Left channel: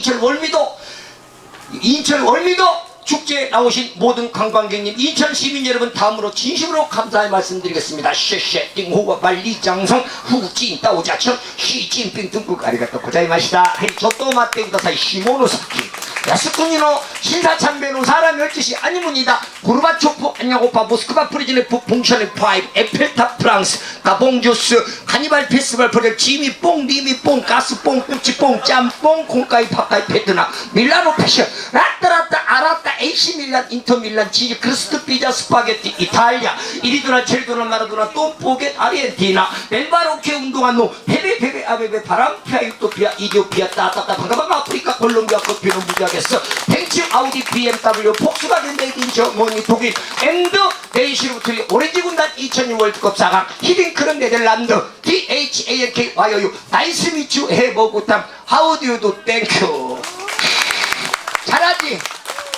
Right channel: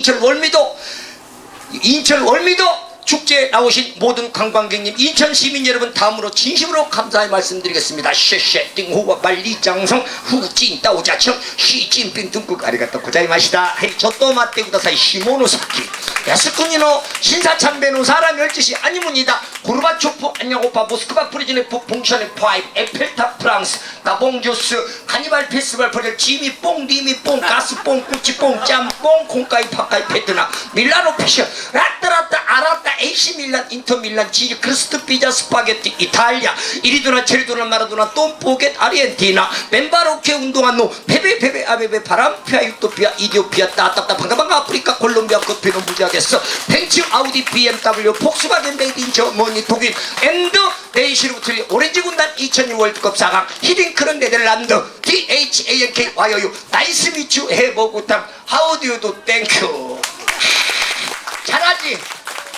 인천 월미도 인천 월미도 축제에 나오신 모든 관광객님 인천 시민 여러분 다음으로 진심으로 감사의 말씀드리겠습니다. 쉐쉐 띵후와 말리장성 후진 따오자청 시진핑 중국 아리가또 고자이마시다. 저또 마테 구다사이 시모노사키. 야스쿠니노 신사참배노 사람 열짓이 아니문이다 고르바초프 안녕오빠 모스크바 프리즌의 북봉션의 파이브 에펠탑 프랑스 가봉주스 카니발 페스티벌 프레 지미 뽕 리미 뽕 가스 뽕 꾸치 뽕 짬뽕 콩가이 파카이 베트남 밀라노 패션 라따라따 아라따 AC 밀란 인터 밀란 치즈 크리스트 피자 스파게티 이탈리아 이리도나 제리도나 마라도나 똥포겟 아르헨티나 멤바로케 운동한 노 페베 페베 아베베 바람피아 유토피아 이디오피아 따따따 방가방가 아프리카 콜롬비아 커피는 무지하겠어. 벤츠 아우디 BMW 폭스바겐 메이드 인 저머니 독일 앤드 네이시루부터 오렌지 군단 2002 월드컵 4강 히딩크는 네덜란드 DHANK 와요유 나이스 미추 해보구탕 하우디오도 땡큐. 잘하지